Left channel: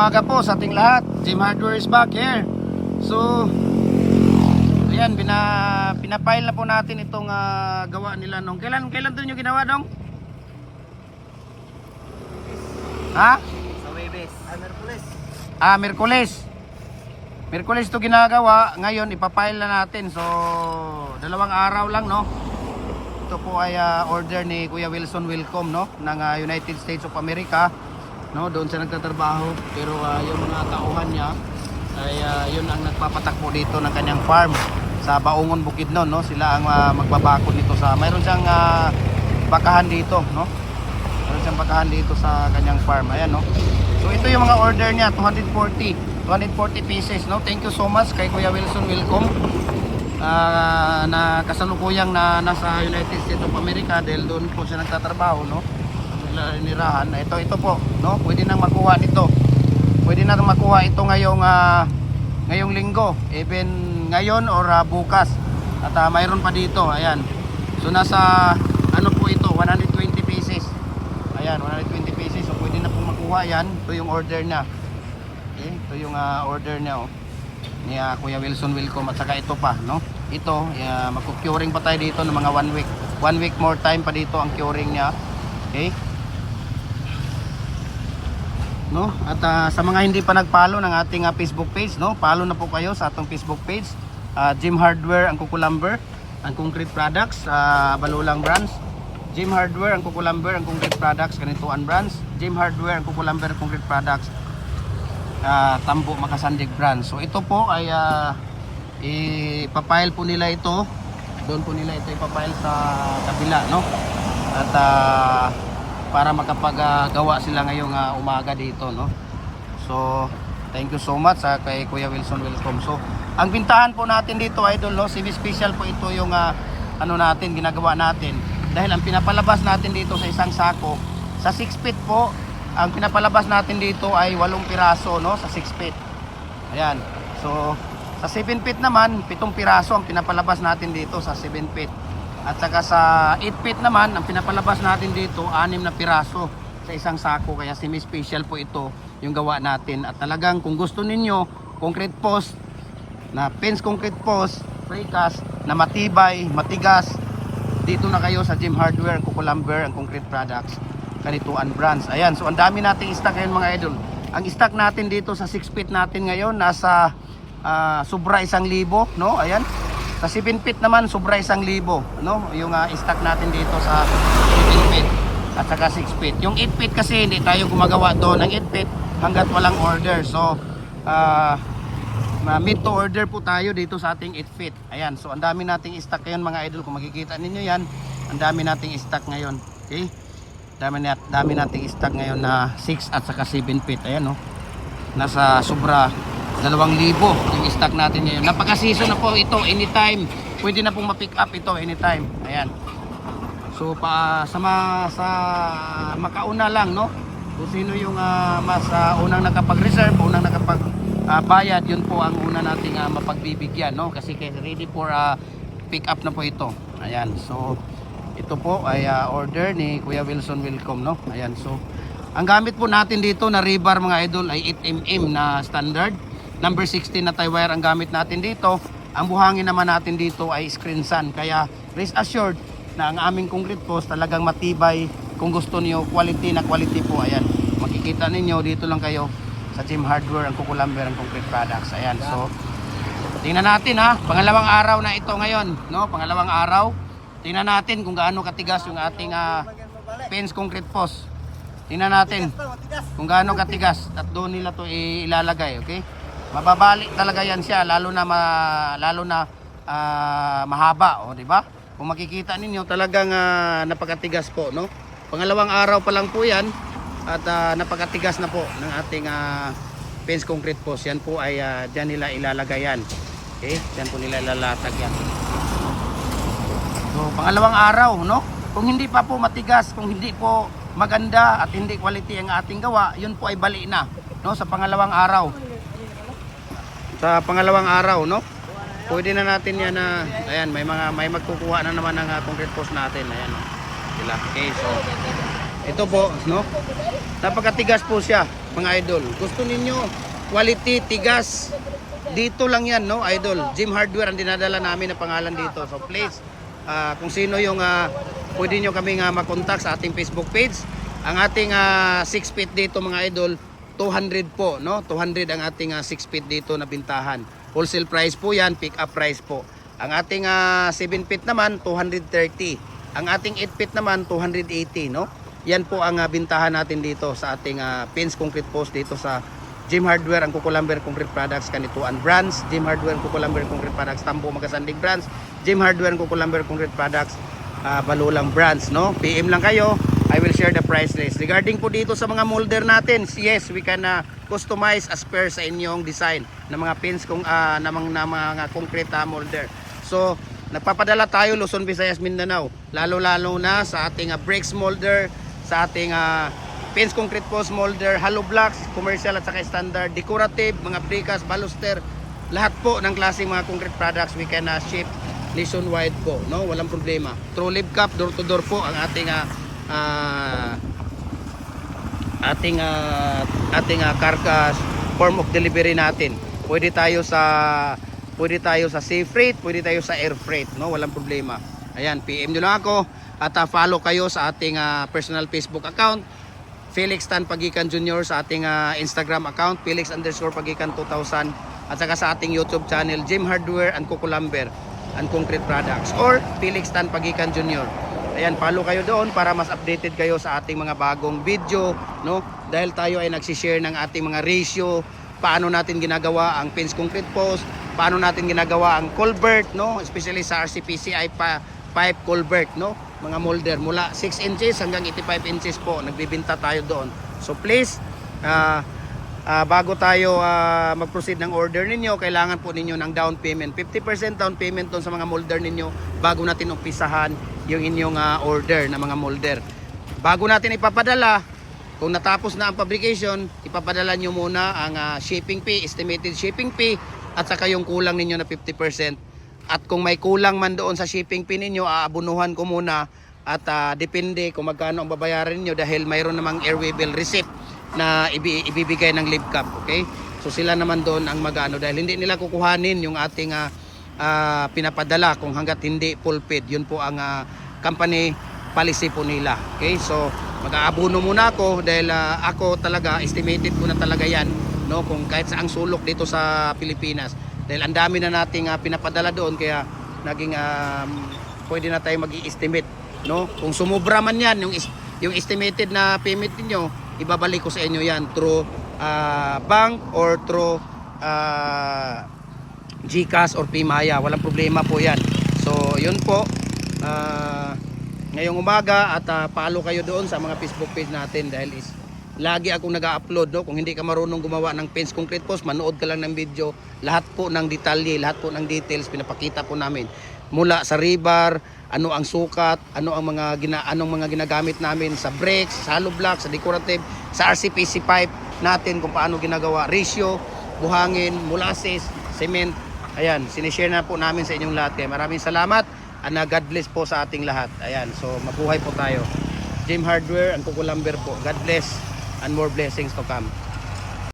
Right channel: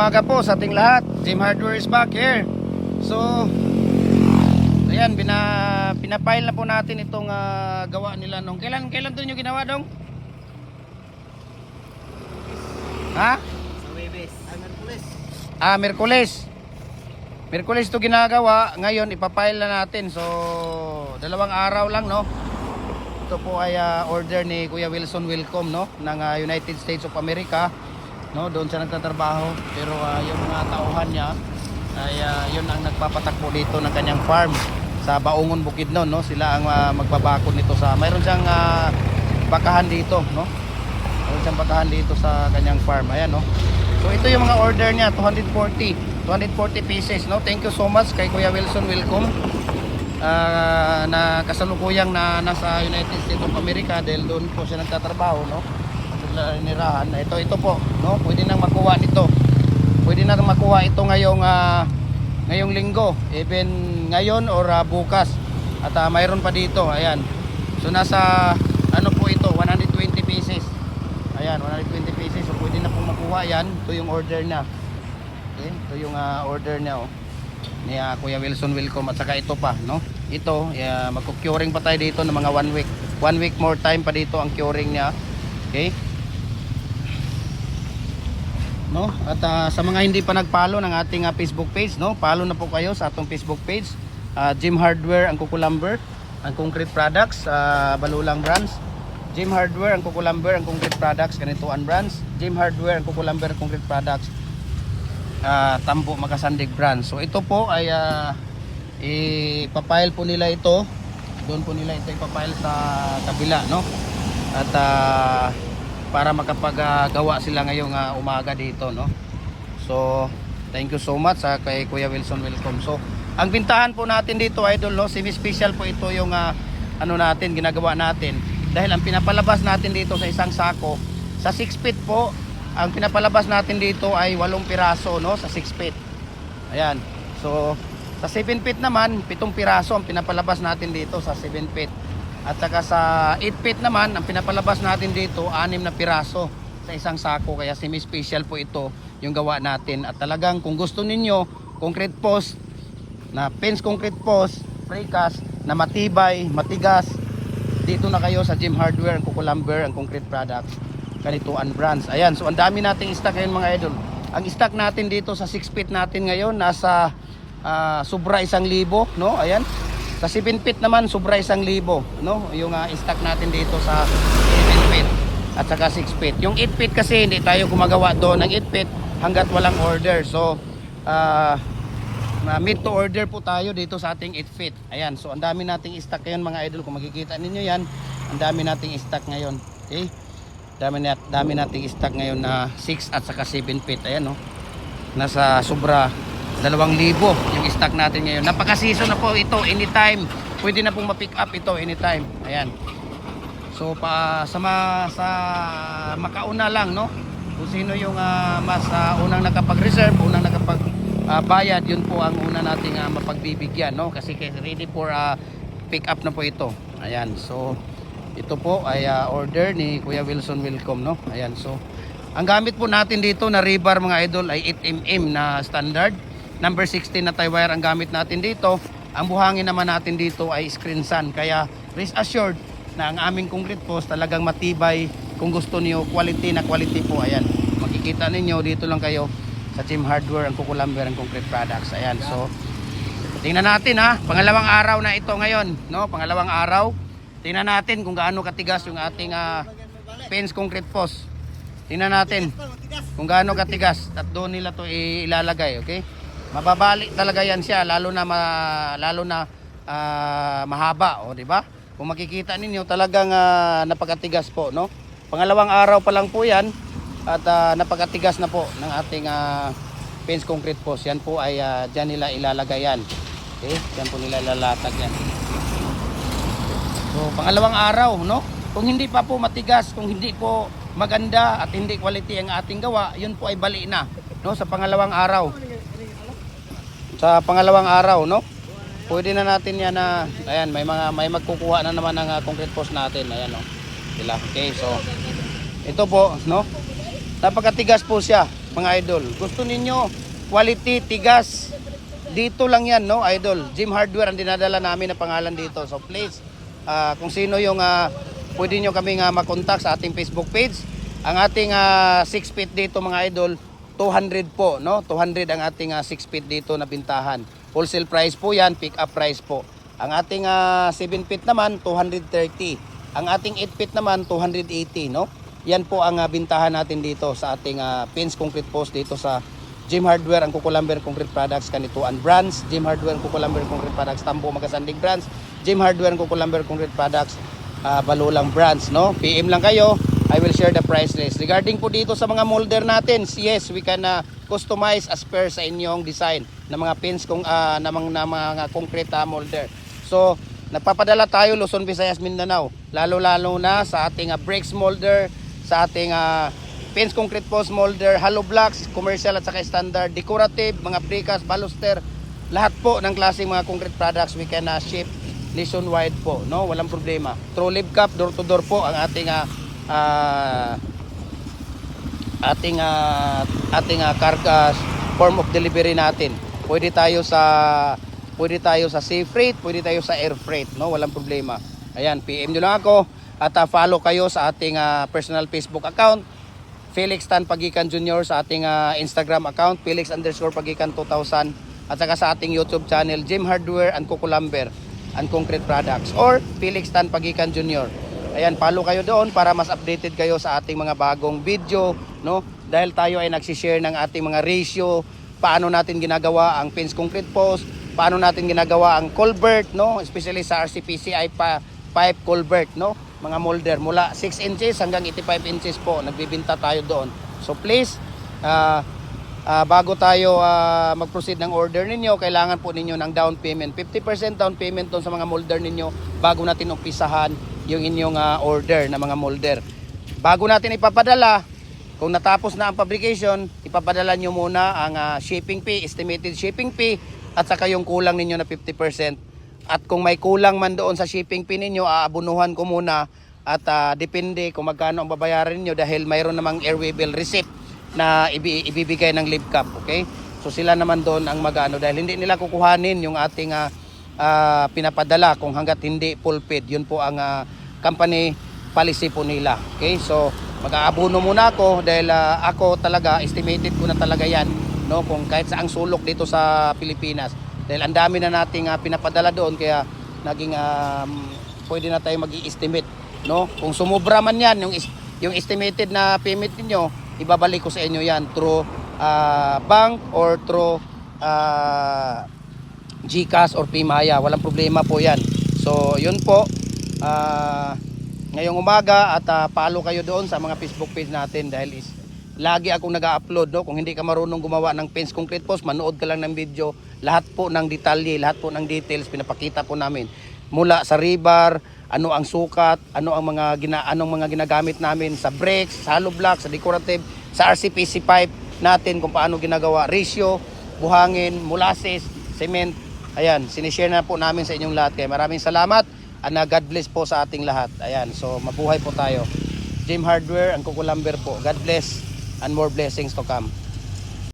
umaga po sa ating lahat. Jim Hardware is back here. So, ayan, bina, pinapile na po natin itong ah, gawa nila nung. Kailan, kailan to nyo ginawa dong? Ha? Sa Webes. Ay, Merkules. Ah, Merkules. Merkules to ginagawa. Ngayon, ipapile na natin. So, dalawang araw lang, no? Ito po ay ah, order ni Kuya Wilson Welcome, no? Ng ah, United States of America. No, doon siya nagtatrabaho. Pero ah, yung mga tauhan niya, ay ah, yun ang nagpapatakbo dito ng kanyang farm sa Baungon Bukidnon, no? Sila ang ah, magbabakod dito sa... Mayroon siyang ah, bakahan dito, no? Mayroon siyang bakahan dito sa kanyang farm. Ayan, no? So ito yung mga order niya, 240. 240 pieces, no? Thank you so much kay Kuya Wilson Welcome. Ah, na kasalukuyang na nasa United States of America dahil doon po siya nagtatrabaho, no? Nirahan. Ito, ito po, no? Pwede na makuha ito. Pwede na makuha ito ngayong ah, ngayong linggo, even ngayon or ah, bukas. At ah, mayroon pa dito, ayan. So nasa ano po ito, 120 pieces. Ayan, 120 pieces. So pwede na po makuha yan. Ito yung order niya. Ayan, ito yung ah, order niya. Oh. Ni ah, Kuya Wilson Welcome at saka ito pa, no? Ito, uh, magkukuring pa tayo dito ng mga one week. One week more time pa dito ang curing niya. Okay? No? At ah, sa mga hindi pa nagpalo ng ating ah, Facebook page, no? Follow na po kayo sa atong Facebook page. Ah, Jim Hardware ang Kukulamber, ang Concrete Products, uh, Balulang Brands. Jim Hardware ang Kukulamber, ang Concrete Products, Kanituan Brands. Jim Hardware ang Kukulamber, Concrete Products, ah, Tambo Makasandig Brands. So ito po ay ah, ipapile po nila ito. Doon po nila ito ipapile sa kabila, no? At ah, para makapagawa sila ngayong ah, umaga dito, no? So, thank you so much sa kay Kuya Wilson Welcome. So, ang bintahan po natin dito ay no, semi-special po ito yung ah, ano natin, ginagawa natin. Dahil ang pinapalabas natin dito sa isang sako, sa 6 feet po, ang pinapalabas natin dito ay 8 piraso, no? Sa 6 feet. Ayan. So, sa 7 feet naman, 7 piraso ang pinapalabas natin dito sa 7 feet. At saka sa 8 feet naman, ang pinapalabas natin dito, 6 na piraso sa isang sako. Kaya semi-special po ito yung gawa natin. At talagang kung gusto ninyo, concrete post, na fence concrete post, precast, na matibay, matigas, dito na kayo sa Gym Hardware, Kukulamber, ang concrete products, Kanituan Brands. Ayan, so ang dami nating stock ngayon mga idol. Ang stock natin dito sa 6 feet natin ngayon, nasa ah, sobra isang libo, no? Ayan. Sa 7 feet naman, sobra isang libo, no? Yung ah, stock natin dito sa 7 feet at saka 6 feet. Yung 8 feet kasi hindi tayo gumagawa doon ng 8 feet hanggat walang order. So, ah, na mid to order po tayo dito sa ating 8 feet. Ayan, so ang dami nating stock ngayon mga idol. Kung makikita ninyo yan, ang dami nating stock ngayon. Okay? Dami, nat dami nating stock ngayon na 6 at saka 7 feet. Ayan, no? Nasa sobra 2,000 ang stock natin ngayon. Napaka-season na po ito. Anytime. Pwede na pong ma-pick up ito anytime. Ayan. So pa sa ma, sa makauna lang no. Kung sino yung ah, mas ah, unang nakapag-reserve, unang nakapag ah, bayad, yun po ang una nating ah, mapagbibigyan no kasi ready for ah, pick up na po ito. Ayan. So ito po ay ah, order ni Kuya Wilson Welcome no. Ayan. So ang gamit po natin dito na rebar mga idol ay 8mm na standard. Number 16 na tie wire ang gamit natin dito. Ang buhangin naman natin dito ay screen sun. Kaya rest assured na ang aming concrete post talagang matibay kung gusto niyo. Quality na quality po. Ayan. Makikita ninyo dito lang kayo sa Gym Hardware ang Kukulamber ang concrete products. Ayan. So tingnan natin ha. Pangalawang araw na ito ngayon no? Pangalawang araw. Tingnan natin kung gaano katigas yung ating ah, fence concrete post. Tingnan natin kung gaano katigas. At doon nila to ilalagay okay mababalik talaga yan siya lalo na ma, lalo na ah, mahaba o di ba? Kung makikita ninyo talagang ah, napakatigas po no? Pangalawang araw pa lang po yan at ah, napakatigas na po ng ating ah, fence concrete post. Yan po ay ah, dyan nila ilalagay yan. Okay? Dyan po nila lalatag so, pangalawang araw no? Kung hindi pa po matigas kung hindi po maganda at hindi quality ang ating gawa yun po ay bali na no? Sa pangalawang araw sa pangalawang araw no pwede na natin yan na ayan may mga may magkukuha na naman ng uh, concrete post natin ayan oh. sila okay so ito po no napakatigas po siya mga idol. Gusto ninyo quality, tigas. Dito lang yan, no, idol. Gym Hardware ang dinadala namin na pangalan dito. So please, ah, kung sino yung ah, pwede nyo kami nga makontak sa ating Facebook page. Ang ating 6 feet dito mga idol, 200 po, no? 200 ang ating 6 feet dito na bintahan. Wholesale price po yan, pick up price po. Ang ating 7 feet naman, 230. Ang ating 8 feet naman, 280, no? Yan po ang ah, bintahan natin dito sa ating ah, pins concrete post dito sa Gym Hardware ang Kukulamber Concrete Products Kanituan Brands, Gym Hardware Kukulamber Concrete Products Tambo Magasandig Brands, Gym Hardware Kukulamber Concrete Products uh, Balulang Brands, no? PM lang kayo, I will share the price list. Regarding po dito sa mga molder natin, yes, we can uh, customize as per sa inyong design ng mga pins kung uh, na mga, na mga concrete uh, molder. So, nagpapadala tayo Luzon, Visayas, Mindanao, lalo-lalo na sa ating uh, bricks molder, sa ating uh, pins concrete post molder, hollow blocks, commercial at saka standard, decorative, mga precast, baluster, lahat po ng klaseng mga concrete products we can uh, ship nationwide po, no? Walang problema. True live cup, door to door po ang ating uh, uh, ating uh, ating uh, carga form of delivery natin. Pwede tayo sa pwede tayo sa sea freight, pwede tayo sa air freight, no? Walang problema. Ayan, PM nyo lang ako at uh, follow kayo sa ating uh, personal Facebook account Felix Tan Pagikan Jr. sa ating ah, Instagram account, Felix underscore Pagikan 2000 at saka sa ating YouTube channel, Jim Hardware and Kukulamber and Concrete Products or Felix Tan Pagikan Jr. Ayan, follow kayo doon para mas updated kayo sa ating mga bagong video, no? Dahil tayo ay nagsishare ng ating mga ratio, paano natin ginagawa ang pins concrete post, paano natin ginagawa ang culvert, no? Especially sa RCPCI pa pipe culvert, no? Mga molder mula 6 inches hanggang 85 inches po, nagbibinta tayo doon. So please, ah, ah, bago tayo ah, mag-proceed ng order ninyo, kailangan po ninyo ng down payment. 50% down payment doon sa mga molder ninyo bago natin umpisahan yung inyong ah, order na mga molder. Bago natin ipapadala, kung natapos na ang fabrication, ipapadala nyo muna ang ah, shipping fee, estimated shipping fee, at saka yung kulang ninyo na 50%. At kung may kulang man doon sa shipping fee ninyo, aabunuhan ko muna at ah, depende kung magkano ang babayaran niyo dahil mayroon namang airway bill receipt na ibi- ibibigay ng live cap, okay? So sila naman doon ang mag-ano dahil hindi nila kukuhanin yung ating ah, ah, pinapadala kung hanggat hindi paid. Yun po ang ah, company policy po nila. Okay? So mag-aabuno muna ako dahil ah, ako talaga estimated ko na talaga yan no kung kahit saang sulok dito sa Pilipinas dahil ang dami na nating ah, pinapadala doon kaya naging um, pwede na tayo mag-estimate no kung sumobra man yan yung yung estimated na payment niyo ibabalik ko sa inyo yan through ah, bank or through ah, GCash or Pimaya walang problema po yan. So yun po. Ah, ngayong umaga at ah, follow kayo doon sa mga Facebook page natin dahil is lagi akong nag-upload no? kung hindi ka marunong gumawa ng pins concrete post manood ka lang ng video. Lahat po ng detalye lahat po ng details pinapakita po namin mula sa rebar ano ang sukat? Ano ang mga gina, anong mga ginagamit namin sa bricks sa hollow block sa decorative sa RCPC pipe natin kung paano ginagawa. Ratio buhangin molasses cement. Ayan sinishare na po namin sa inyong lahat. Maraming salamat and God bless po sa ating lahat. Ayan so mabuhay po tayo. Jim Hardware and Kukulamber po. God bless and more blessings to come